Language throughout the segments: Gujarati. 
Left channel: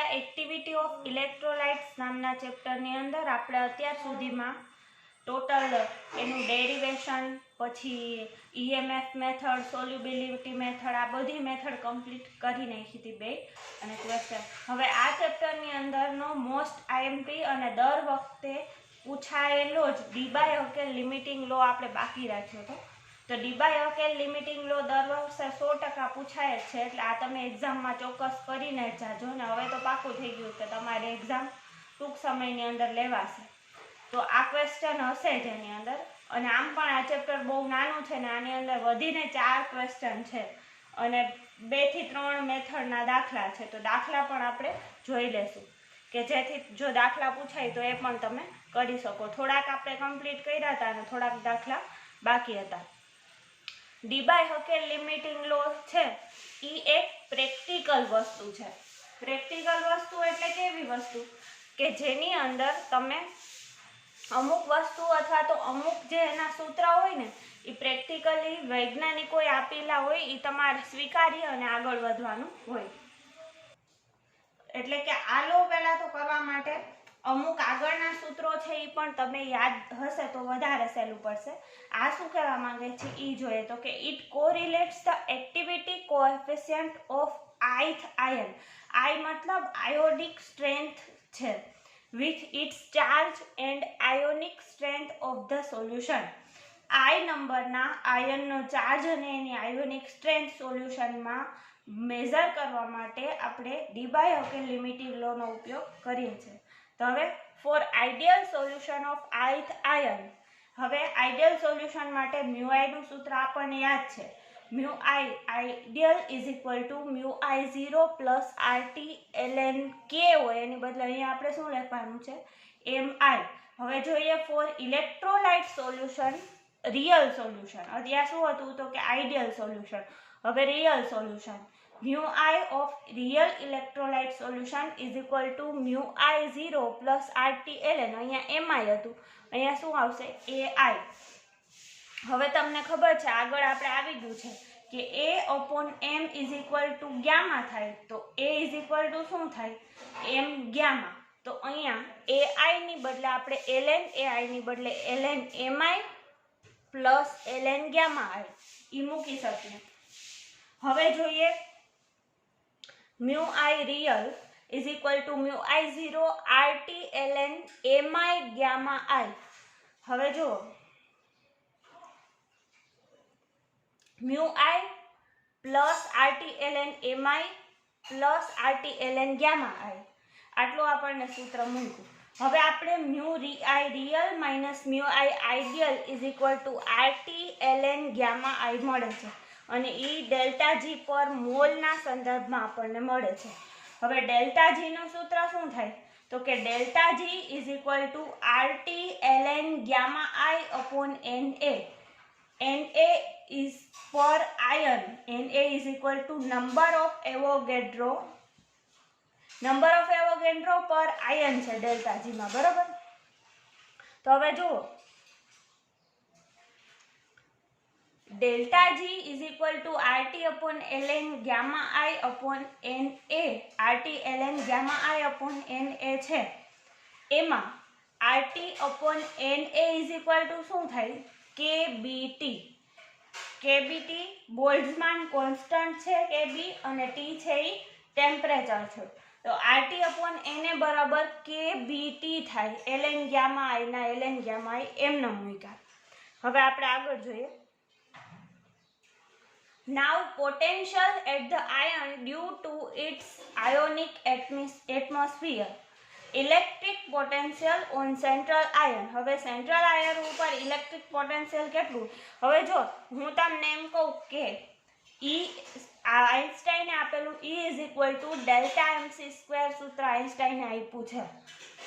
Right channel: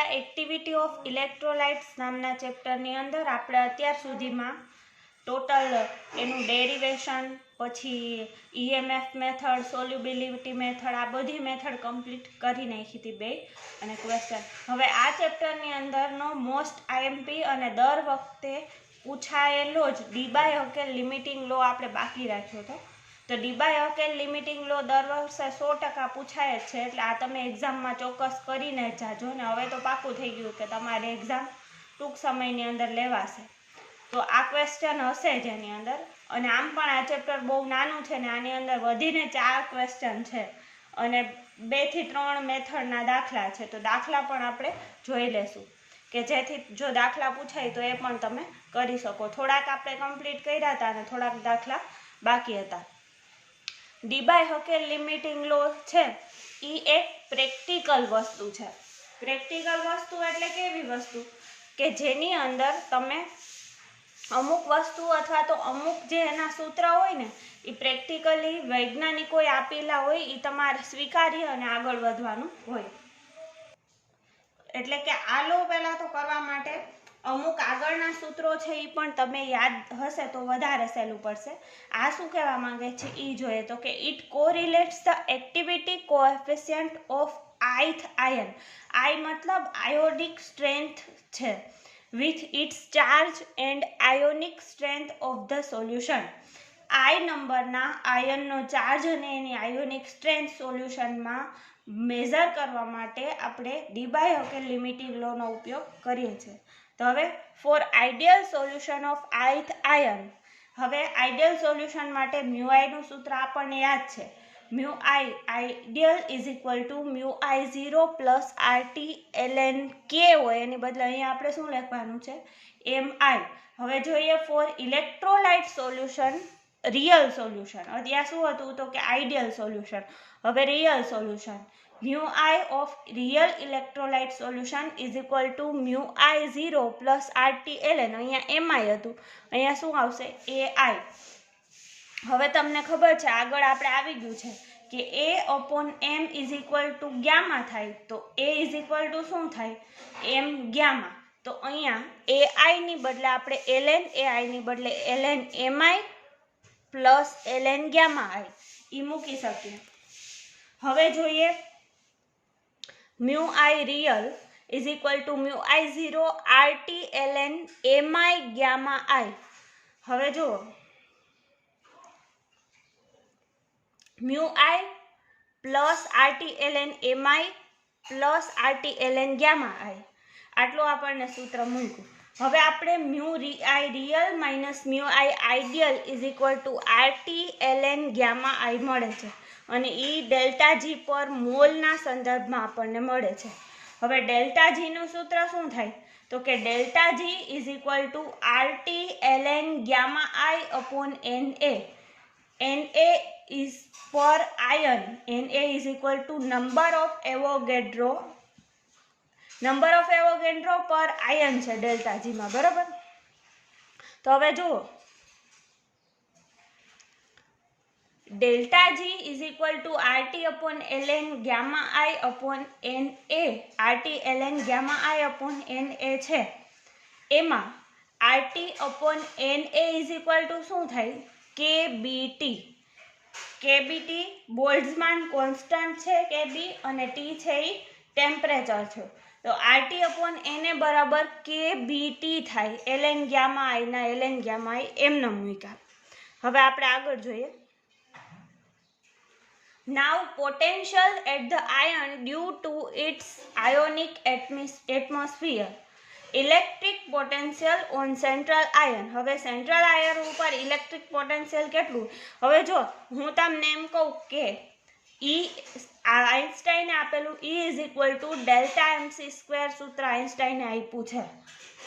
આપણા એક્ટિવિટી ઓફ ઇલેક્ટ્રોલાઇટ્સ નામના ચેપ્ટરની અંદર આપણે અત્યાર સુધીમાં ટોટલ એનું ડેરિવેશન, પછી EMF મેથડ, સોલ્યુબિલિટી મેથડ, આ બધી મેથડ કમ્પ્લીટ કરી નાખી હતી બે અને ક્વેશ્ચન. હવે આ ચેપ્ટરની અંદરનો મોસ્ટ IMP અને દર વખતે પૂછાયેલો જ ડી-બાય-હકેલ લિમિટિંગ લો આપણે બાકી રાખ્યો હતો. તો ડી-બાય-હકેલ લિમિટિંગ લો દર વર્ષે 100% પૂછાય જ છે, એટલે આ તમે એક્ઝામમાં ચોક્કસ કરીને જ જાજો ને. હવે તો પાકું થઈ ગયું કે તમારે એક્ઝામ ટૂંક સમયની અંદર લેવાશે. તો આ ક્વેશ્ચન હશે જ એની અંદર. અને આમ પણ આ ચેપ્ટર બહુ નાનું છે ને આની અંદર વધીને 4 ક્વેશ્ચન છે અને 2 થી 3 મેથડના દાખલા છે. તો દાખલા પણ આપણે જોઈ લેશું કે જેથી જો દાખલા પૂછાય તો એ પણ તમે કરી શકો. થોડાક આપણે કમ્પ્લીટ કર્યા હતા અને થોડાક દાખલા બાકી હતા. ડી-બાય-હકેલ લિમિટિંગ લો છે એ એક પ્રેક્ટિકલ વસ્તુ છે. પ્રેક્ટિકલ વસ્તુ એટલે કેવી વસ્તુ કે જેની અંદર તમે અમુક વસ્તુ અથવા તો અમુક જે એના સૂત્ર હોય ને એ પ્રેક્ટિકલી વૈજ્ઞાનિકોએ આપેલા હોય, એ તમારે સ્વીકારી અને આગળ વધવાનું હોય. એટલે કે આ લો પહેલા તો કરવા માટે અમુક આગળના સૂત્રો છે એ પણ તમે યાદ હશે તો વધારે સહેલું પડશે. આ શું કહેવા માંગે છે એ જોઈએ તો કે it correlates the activity coefficient of ith ion. I મતલબ આયોનિક સ્ટ્રેન્થ છે, with its charge and ionic strength of the solution. I નંબરના આયનનો ચાર્જ અને એની આયોનિક સ્ટ્રેન્થ સોલ્યુશનમાં મેઝર કરવા માટે આપણે ડી-બાય-હકેલ લિમિટિંગ લોનો ઉપયોગ કરીએ છીએ. તો હવે for ideal solution of ith ion, હવે આઈડિયલ સોલ્યુશન માટે મ્યુ નું સૂત્ર આપણને યાદ છે. Mu ideal is equal to mu I0 plus RT ln K હોય, એની બદલે અહીંયા આપણે શું લખવાનું છે MI. હવે જોઈએ for electrolyte solution, real solution. અત્યારે શું હતું તો કે આઈડિયલ સોલ્યુશન, હવે real solution. Mu I of real electrolyte solution is equal to mu I0 plus RT ln, અહીંયા MI હતું, અહીંયા શું આવશે AI. હવે તમને ખબર છે આગળ આપણે આવી ગયું છે કે A/M is equal two gamma થાય, તો A ઇઝ ઇક્વલ ટુ શું થાય M ગામા. તો અહીંયા AI ની બદલે આપણે ln AI ની બદલે ln MI plus ln gamma I મૂકી શકીએ. હવે જોઈએ mu I real is equal to mu I0 RT ln MI gamma I. હવે જુઓ mu I plus RT ln MI plus RT ln gamma I, આટલું આપણને સૂત્ર મૂક્યું. હવે આપણે mu I real minus mu I ideal is equal two RT ln gamma I મળે છે અને એ ડેલ્ટા G પર મોલના સંદર્ભમાં આપણને મળે છે. હવે ડેલ્ટા G નું સૂત્ર શું થાય તો કે delta G is equal two RT ln gamma I upon NA. Na is per ion, Na is equal to number of Avogadro per ion છે ડેલ્ટા G માં, બરાબર. તો હવે જુઓ delta G is equal to RT upon ln gamma I upon Na. RT ln gamma I upon Na છે, એમાં RT upon Na is equal to શું થાય KBT. KBT બોલ્ટ્ઝમાન કોન્સ્ટન્ટ છે KB અને T છે એ ટેમ્પરેચર છે. તો RT upon Na બરાબર KBT થાય ln ગામા I ના ln ગામા I એમને મૂક્યા. હવે આપણે આગળ જોઈએ. Now potential at the ion due to its ionic atmosphere. Electric potential on central ion. હવે સેન્ટ્રલ આયન ઉપર ઇલેક્ટ્રિક પોટેન્શિયલ કેટલું, હવે જો હું તમને એમ કહું કે આઇન્સ્ટાઈને આપેલું E is equal to delta MC² સૂત્ર આઇન્સ્ટાઈને આપ્યું છે.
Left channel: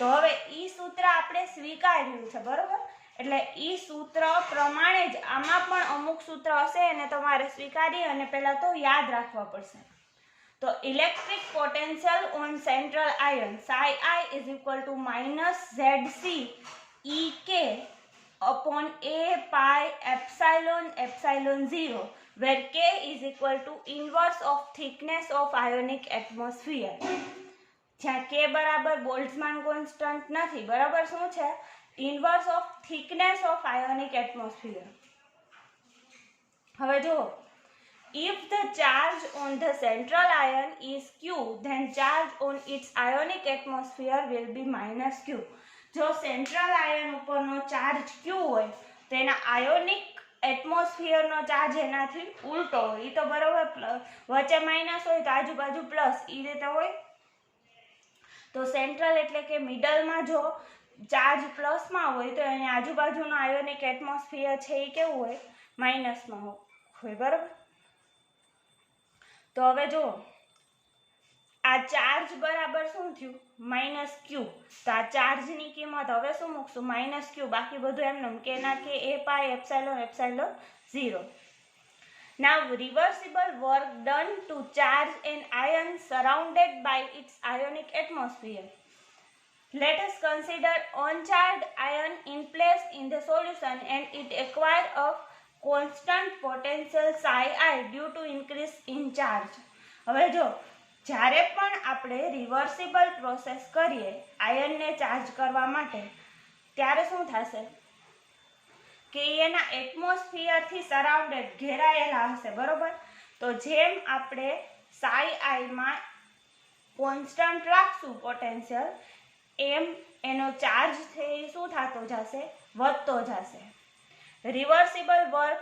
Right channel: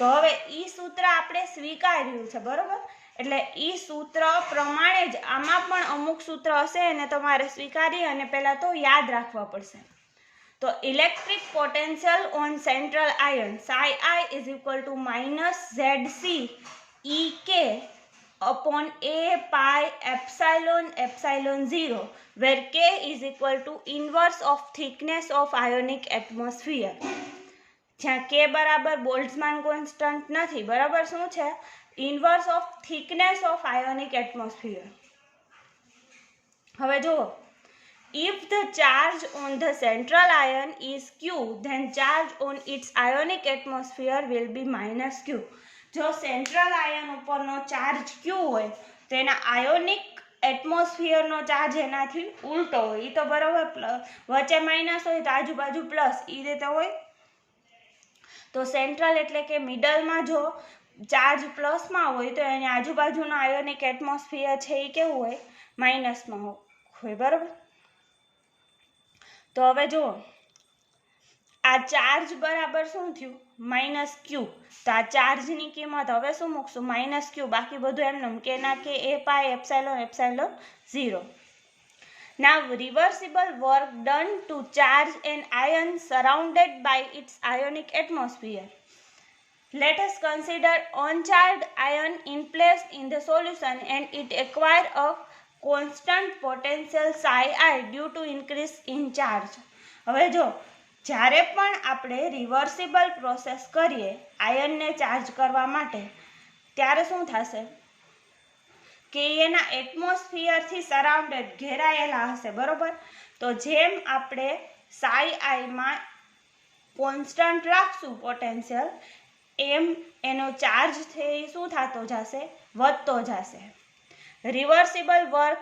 તો હવે એ સૂત્ર આપણે સ્વીકાર્યું છે, બરોબર. એટલે એ સૂત્ર પ્રમાણે જ આમાં પણ અમુક સૂત્ર હશે એને તમારે સ્વીકારી અને પહેલા તો યાદ રાખવા પડશે. તો electric potential on central ion psi I is equal to minus ZC EK upon A pi epsilon 0, where K is equal to inverse of thickness of ionic atmosphere. જ્યાં કે બરાબર બોલ્ટ્ઝમાન કોન્સ્ટન્ટ નથી, બરાબર. શું છે? Inverse of thickness of ionic atmosphere. હવે જુઓ, if the charge on the central ion is q, then charge on its ionic atmosphere will be minus q. જો સેન્ટ્રલ આયન ઉપરનો ચાર્જ q હોય તો એના આયોનિક એટમોસ્ફિયરનો ચાર્જ એનાથી ઉલટો હોય. એ તો બરાબર, વચ્ચે માઇનસ હોય તો આજુબાજુ પ્લસ, એ રીતે હોય. તો સેન્ટ્રલ એટલે કે મિડલમાં જો ચાર્જ પ્લસમાં હોય તો એની આજુબાજુનો આયોનિક એટમોસ્ફિયર છે એ કેવું હોય? માઇનસમાં હોય, બરાબર. તો હવે જુઓ, આ ચાર્જ બરાબર શું થયું? માઇનસ ક્યુ. તો આ ચાર્જની કિંમત હવે શું મૂકશું? માઇનસ ક્યુ. બાકી બધું એમનેમ કે ના કે એ પાય epsilon 0. Now reversible work done to charge an ion surrounded by its ionic atmosphere. Let us consider uncharged ion in place in the solution and it acquire a constant potential psi I due to increase in charge. હવે જો, જ્યારે પણ આપણે રિવર્સિબલ પ્રોસેસ કરીએ આયનને ચાર્જ કરવા માટે, ત્યારે શું થશે કે એના એટમોસ્ફિયરથી સરાઉન્ડેડ, ઘેરાયેલા હશે, બરોબર. તો જેમ આપણે સાઈ આઈમાં કોન્સ્ટન્ટ રાખશું પોટેન્શિયલ, એમ એનો ચાર્જ છે એ શું થતો જશે? વધતો જશે. Reversible work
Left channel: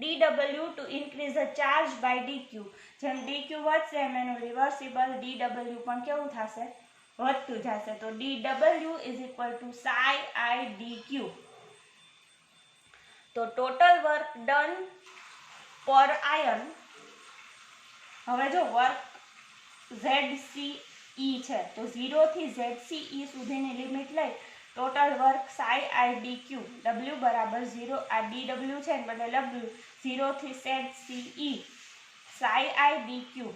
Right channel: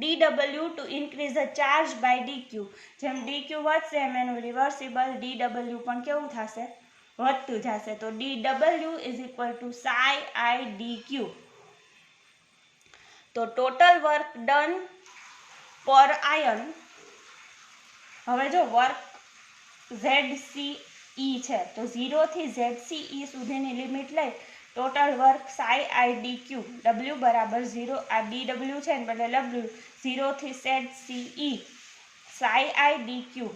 dw to increase the charge by dq. જેમ dq વધશે એમ એનું રિવર્સિબલ dw પણ કેવું થશે? વધતું જશે. તો dw is equal to psi I dq. તો ટોટલ વર્ક ડન પર આયન, હવે જો વર્ક ZCE છે તો 0 થી ZCE સુધીની લિમિટ લઈ total work psi I dq, w બરાબર 0, આ dw છે ને બદલે w, 0 થી ZCE psi I dq.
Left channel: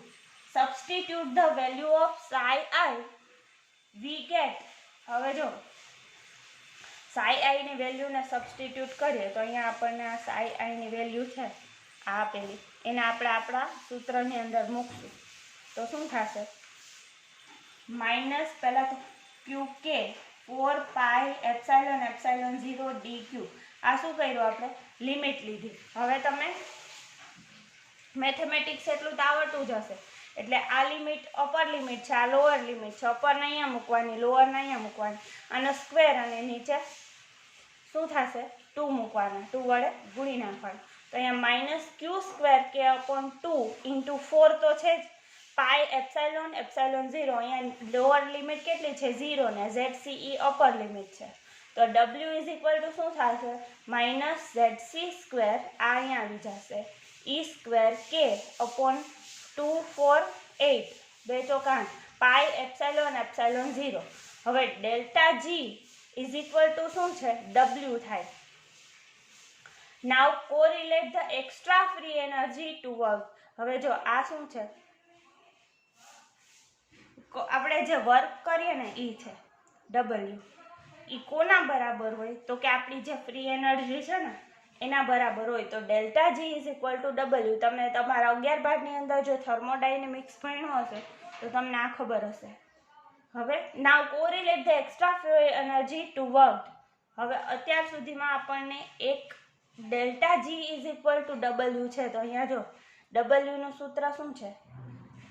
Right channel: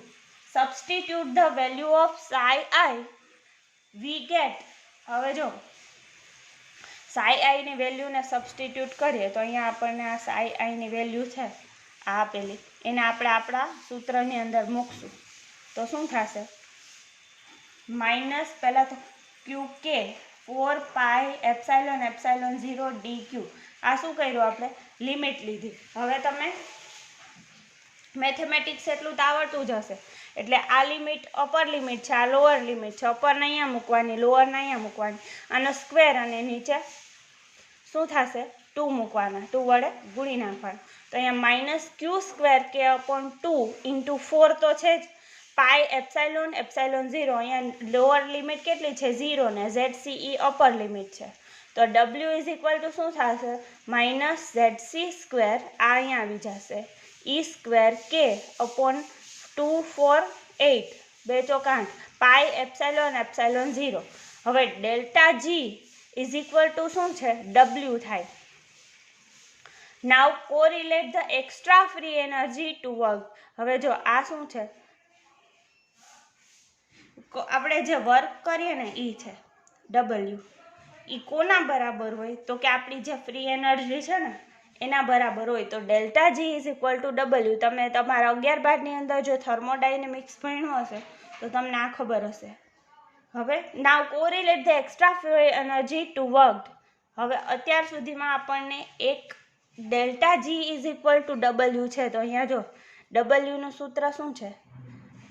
Substitute the value of psi I, we get, હવે જો psi I ની વેલ્યુને સબસ્ટિટ્યુટ કરીએ તો અહીંયા આપણને આ psi I ની વેલ્યુ છે આ આપેલી, એને આપણે આપણા સૂત્રની અંદર મૂકશું તો શું થશે? માઇનસ પહેલાં તો QK 4 પાઈ એપ્સાઇલોન 0 DQ. આ શું કર્યું આપણે? લિમિટ લીધી. હવે તમે મેથેમેટિક્સ એટલું તો આવડતું જ હશે, એટલે આ લિમિટ અપર લિમિટ છે, આ લોઅર લિમિટ છે. અપરને અહીંયા મૂકવાની, લોઅરને અહીંયા મૂકવાની, આનો સ્ક્વેર અને નીચે શું થશે? 2 મૂકવાના, 2 વડે ગુણી નાખવાનું. તો અહીંયા માઇનસ ક્યુ સ્ક્વેર કે અપોન 2 ઇન્ટુ 4 તો છે જ, પાઈ એપ્સાઇલોન 0. અહીંયા લોઅર લિમિટ કેટલી છે? 0 ને ZCE અપર લિમિટ છે. તો W ઇઝ ઇક્વલ ટુ શું થશે? માઇનસ ZC સ્ક્વેર, આ અહીંયા આવી જશે, E સ્ક્વેર K અપોન 2 4 8, 2 ચોક 8, પાઈ એપ્સાઇલોન 0. હવે delta G is equal to શું છે? W થાય. Now correlate the extra free energy to work. હવે જો આ શું છે? આપણે જે વર્ક કરીએ ને એ છે W. એ કોના બરાબર હોય? તો કે આપણી જે ફ્રી એનર્જી છે ને એના બરાબર હોય. તો delta G is equal to W. તમે તમારા 11-12ની અંદર જો થર્મોડાયનેમિક્સ ભણ્યું હશે તો તમને આ ખબર હશે. હવે now correlate the extra free energy to work. હવે અત્યાર સુધીમાં આપણને એક delta G is equal to W છે, તો અહીંયા જો W નું સૂત્ર શું છે?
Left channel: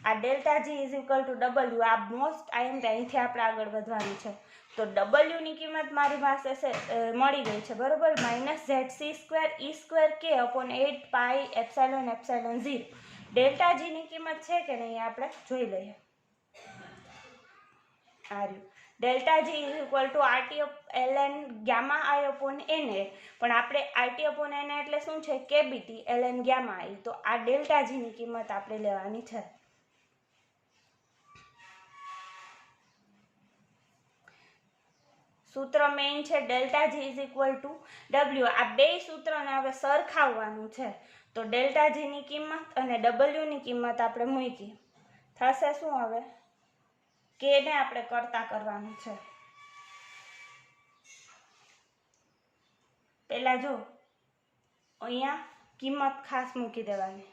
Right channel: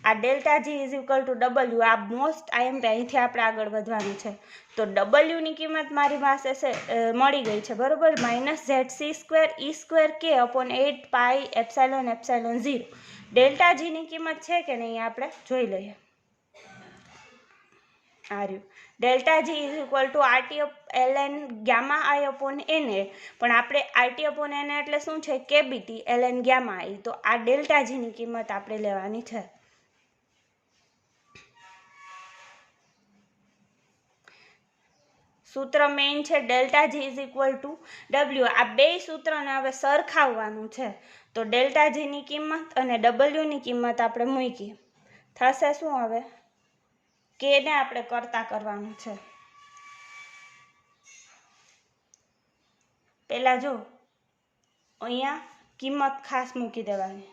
આ delta G is equal to W. આ મોસ્ટ IMP, અહીંથી આપણે આગળ વધવાનું છે. તો W ની કિંમત મારી પાસે મળી ગઈ છે, બરોબર. Minus ZC square E square K upon 8 pi epsilon 0. Delta G ની કિંમત છે કે નહીં આપણે જોઈ લઈએ. આ રહ્યું delta G is equal two RT ln gamma I upon NA. પણ આપણે RT અપોન NA એટલે શું છે? KBT ln gamma I. તો આ ડેલ્ટા G ની કિંમત આપણે લેવાની છે. સૂત્ર મેઇન છે delta G is equal to W. આ બે સૂત્રને હવે સરખાવવાનું છે. તો ડેલ્ટા G ની કિંમત અને W ની કિંમત આપણે મૂકી, થશે શું? હવે K ને આપણે કરતા કરવાનું છે. પહેલા જો અહીંયા કિંમત ખાસ મૂકી દેવાની.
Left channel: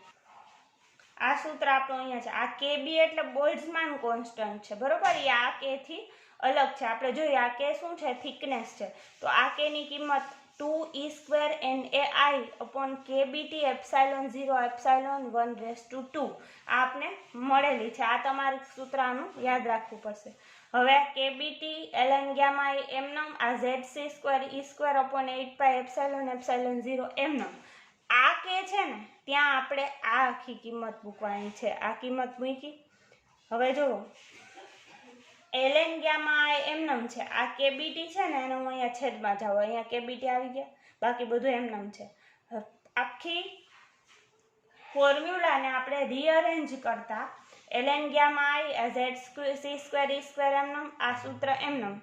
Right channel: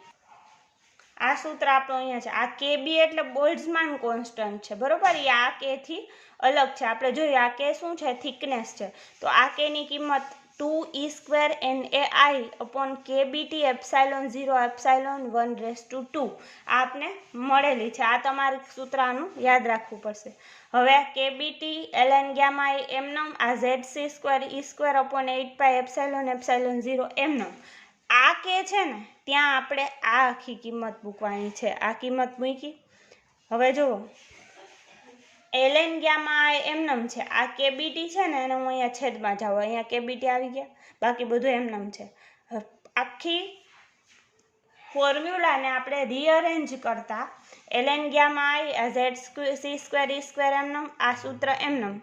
આ સૂત્ર આપણું અહીંયા છે. આ KB એટલે બોલ્ટ્ઝમાન કોન્સ્ટન્ટ છે, બરોબર. એ આ K થી અલગ છે. આપણે જોઈએ આ K શું છે, થિકનેસ છે. તો આ K ની કિંમત 2e² NAI upon KBT epsilon 0 epsilon 1/2 આ આપને મળેલી છે. આ તમારે સૂત્ર આનું યાદ રાખવું પડશે. હવે KBT ln ગામા એમનમ, આ ZC² e² upon 8 epsilon epsilon 0 એમનમ. આ K છે ને ત્યાં આપણે આ આખી કિંમત મૂકવાની છે. આ કિંમત મૂકી. હવે જુઓ ln ગામા એમનમ છે. આ KBT છે ને એને હું અહીંયા છેદમાં જાઉં, અહીંયા KBT આવી ગયા, બાકી બધું એમનમ છે. આખી ફોર્મ્યુલાને આપણે રીઅરેન્જ કરતા ln ગામા ZC² e² એમનમ, આ સૂત્ર એમનમ.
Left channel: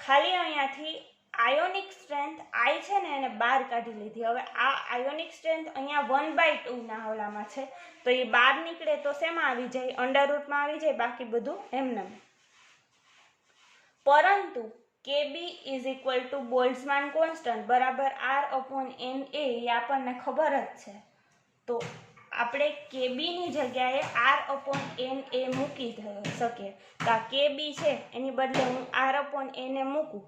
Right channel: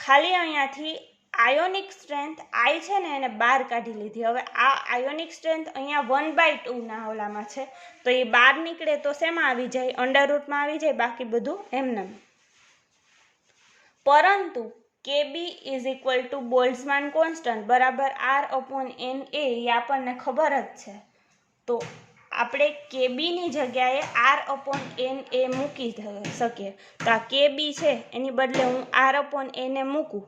ખાલી અહીંયાથી આયોનિક સ્ટ્રેન્થ I છે ને એને બહાર કાઢી લીધી. હવે આ આયોનિક સ્ટ્રેન્થ અહીંયા 1/2 ના ઓલામાં છે, તો એ બહાર નીકળે તો શેમાં આવી જાય, અંડરરૂટમાં આવી જાય, બાકી બધું એમનેમ. પરંતુ KB is equal to Boltzmann constant બરાબર R/NA એ આપણને ખબર જ છે. તો આપણે KB ની જગ્યાએ R/NA મૂકી શકીએ. તો આ KB છે એની બદલે હું R/NA મૂકું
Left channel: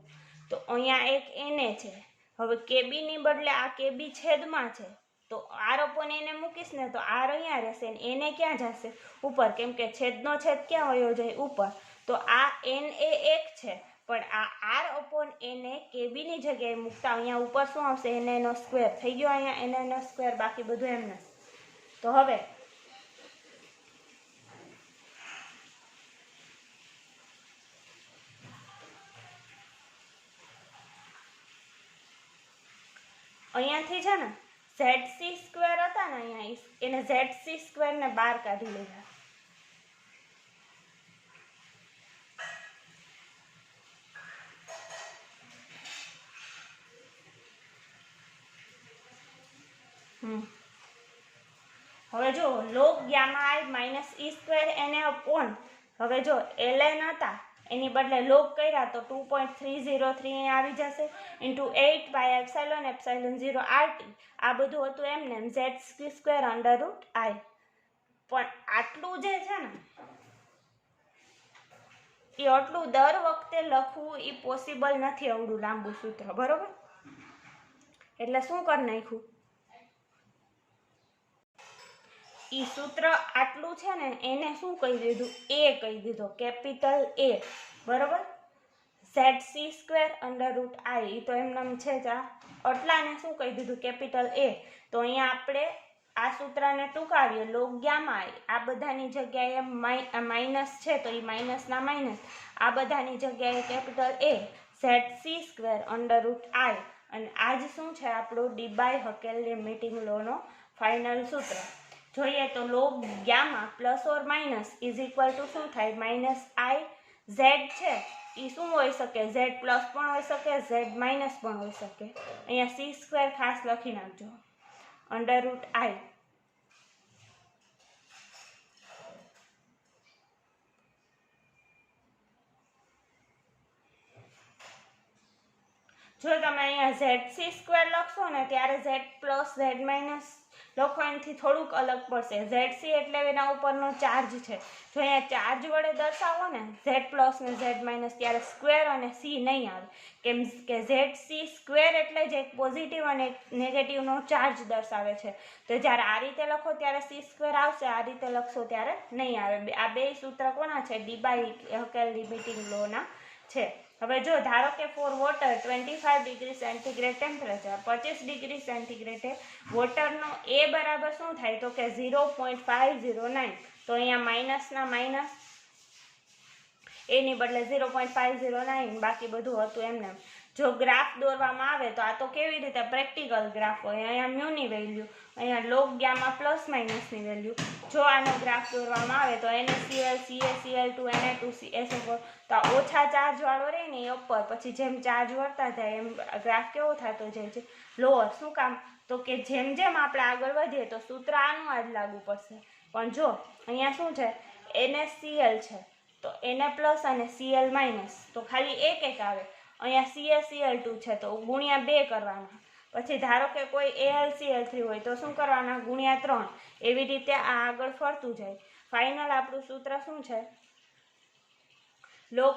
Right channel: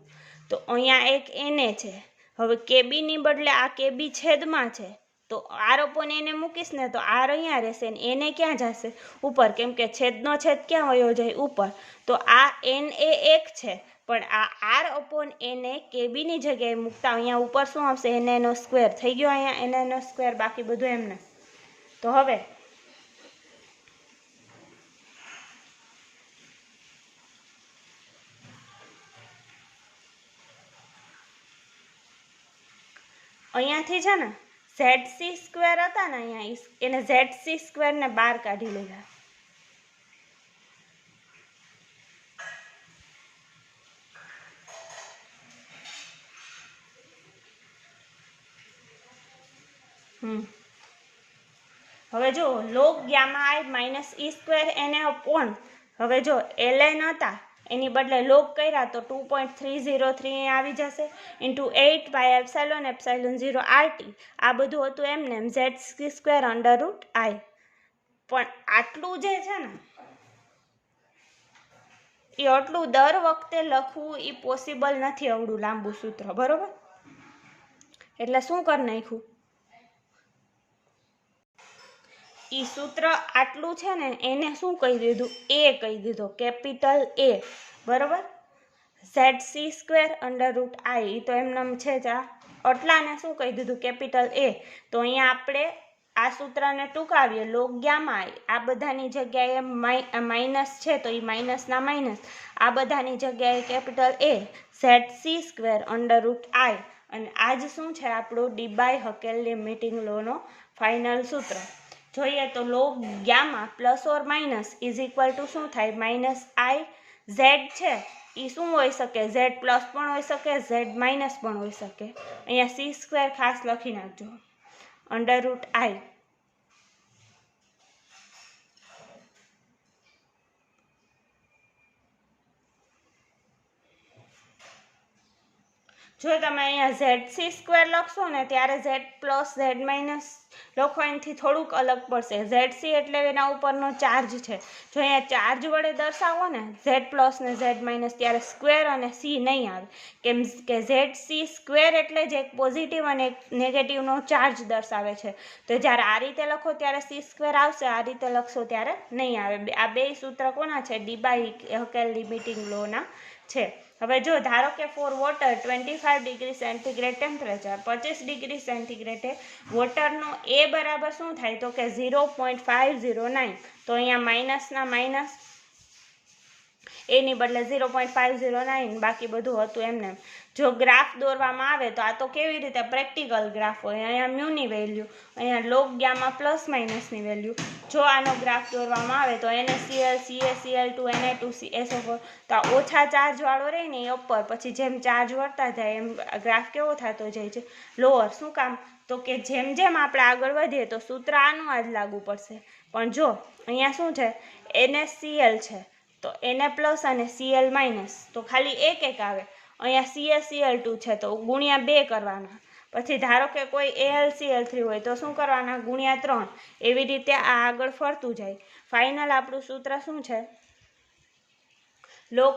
તો અહીંયા એક NA છે. હવે KB ની બદલે આ KB છેદમાં છે, તો R/NA મૂકીશ ને તો R અહીંયા રહેશે ને NA ક્યાં જશે, ઉપર, કેમ કે છેદનો છેદ ક્યાં વયો જાય, ઉપર. તો આ NA એક છે, પણ આ R/NA KB ની જગ્યાએ મૂકતા અહીંયા ઉપર શું આવશે, NA² થઈ ગયો, અહીંયા NA², બાકી બધું એમને. તો હવે અહીંયાથી છે ને ZC² હતા ને અહીંયા, એને ZC² ને બહાર કાઢી લીધા. હવે જો log gamma I minus e² NA upon, હવે જો ln હતા એની બદલે log કર્યા તો 2.303 આવી જશે, ઇન્ટુ 8 એપ્સાઇલોન એપ્સાઇલોન 0 RT. આ બધું હતું એમને ZC² √I. પણ આટલું જે છે ને એ આટલું દર વખતે લખવું એ પોસિબલ નથી, આવડું લાંબુ સૂત્ર, બરોબર. એટલે શું કરી નાખ્યું, ઈ સૂત્ર આટલું છે ને એને શું કહી દીધું, A કહી દીધો, કેપિટલ A, બરોબર. ZC² √I તો એમનેમ છે જ. આટલાને શું કહી દીધું, કેપિટલ A. તો અહીંયા આપણે આ સૂત્રને ટૂંકાવીએ, log ગામા I, આ બધાની જગ્યાએ માઇનસ છે તો એ માઇનસના માઇનસ, આ બધાની જગ્યાએ કેપિટલ A, ZC² √I. અને આજ શું છે આપણું ડીબાય હકેલ લિમિટિંગ લોનો ફાઇનલ સૂત્ર. જોઈએ તો log gamma plus or minus is equal to શું થાય, માઇનસ I. Z છે એ શું હોઈ શકે, Z પ્લસ પણ હોઈ શકે, Z માઇનસ પણ હોઈ શકે. અહીંયા C² ખાસ લખી નાખજો, √I. જો તમે અહીંયા ZC² લખશો ને ત્યારે Z પ્લસ Z માઇનસ લખો, એનાથી થોડુંક અલગ પડશે. ZC એટલે એના ઉપરનો ચાર્જ છે. જો અહીંયા ચાર્જ વડે દર્શાવો ને Z પ્લસ ને Z માઇનસ, ત્યારે સ્ક્વેર અને C નહીં આવે, કેમ કે ZC² એટલે જ એક પોઝિટિવ અને એક નેગેટિવનો ચાર્જ દર્શાવે છે. તો જ્યારે આ રીતે લખો ત્યારે C² આવશે, આ રીતે લખશો ત્યારે નહીં આવે. આ બે સૂત્ર કોના છે, ડીબાય હકેલ લિમિટિંગ લોના છે. હવે જો ધારો કે for water 25 degree centigrade temperature, 25 degree સેન્ટીગ્રેડે વોટરનો A બરાબર શું થાય, તો કે 0.509. તો અહીંયા માઇનસના માઇનસ, એની બદલે 0.509, બાકી બધું હતું એમને. જો ગ્રાફ દોરવામાં આવે તો આ તો કેવી રીતે પ્રેક્ટિકલ ગ્રાફ હોય, અહીંયા મ્યુની વેલ્યુ, અહીંયા log ગામા પ્લસ માઇનસની વેલ્યુ. જો આનો ગ્રાફ દોરવામાં આવે તો NaCl CaCl2 Na2 CSO4, તો આ ઓછા ચાર્જ વાળો રહે ને એ ઉપર, પછી જેમ ચાર્જ વધતા જાય એમ ગ્રાફ કેવો થતો જાય છે, લોઅર. શું કામ, તો કે જેમ જેમ આપણે આગળ વધીએ તો સૂત્ર આનું આ જ લાગુ પડશે. પણ જો અહીંયા શું છે, NaCl છે તો Na પ્લસ અને Cl માઇનસ, તો ખાલી એક આવે. અહીંયા CaCl2 છે તો ગુણ્યા 2 કરવાના, પછી ધારો કે કોઈ AlCl3 હોય તો શું કરવાના, ગુણ્યા 3. એવી રીતે આ આગળ ફરતું જાય. ફાઇનલ આપણું સૂત્ર શું છે, log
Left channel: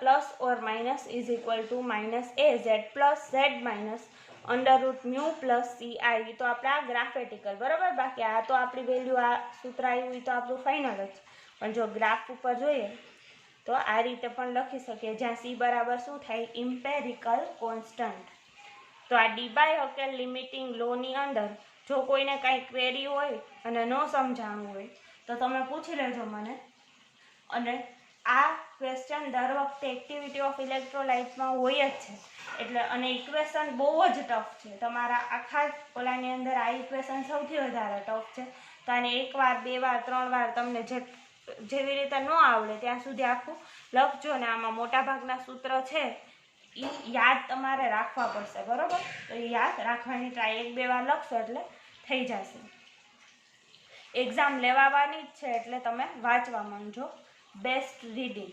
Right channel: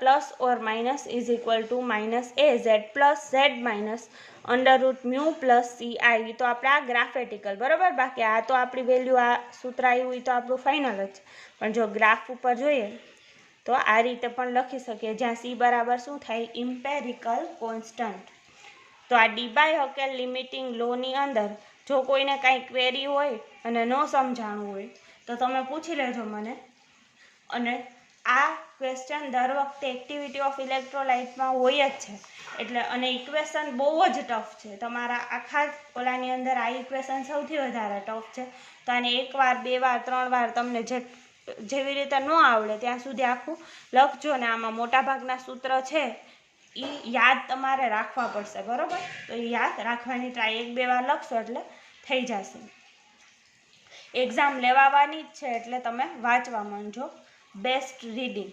plus or minus is equal to minus AZ plus Z minus √μ plus CI. તો આપણે આ ગ્રાફેટિકલ, બરાબર. બાકી આ તો આપણી વેલ્યુ, આ સૂત્ર આવ્યું તો આપણું ફાઇનલ જ. પણ જો ગ્રાફ ઉપર જોઈએ તો આ રીતે પણ લખી શકીએ, જ્યાં C બરાબર શું થાય, ઇમ્પેરિકલ કોન્સ્ટન્ટ. તો આ ડી-બાય-હકેલ લિમિટિંગ લોની અંદર જો કોઈને કાંઈ ક્વેરી હોય અને ન સમજાણું હોય તો તમે પૂછી લેજો મને. અને આ ક્વેશ્ચન દર વખતે એક્ટિવિટી ઓફ ઇલેક્ટ્રોલાઇટમાં હોય જ છે, એટલે અને ઇક્વેશન બહુ જ ટફ છે. તમારા આખા ઓલાની અંદર આ ઇક્વેશન સૌથી વધારે ટફ છે. તો આને 1 વાર 2 વાર 3 વાર તમને જેવી રીતે ન આવડે ત્યાં સુધી આખું લખજો. ને આમાં મોટાભાગના સૂત્ર છે એ યાદ તમારે રાખવા પડશે, બરાબર. તો એ યાદ રાખવાની ટ્રાય 1-2 વાર લખશો એટલે થઈ જશે. એક્ઝામ લેવાની જ છે એટલે તમે વાંચવા માંડજો. Best reading.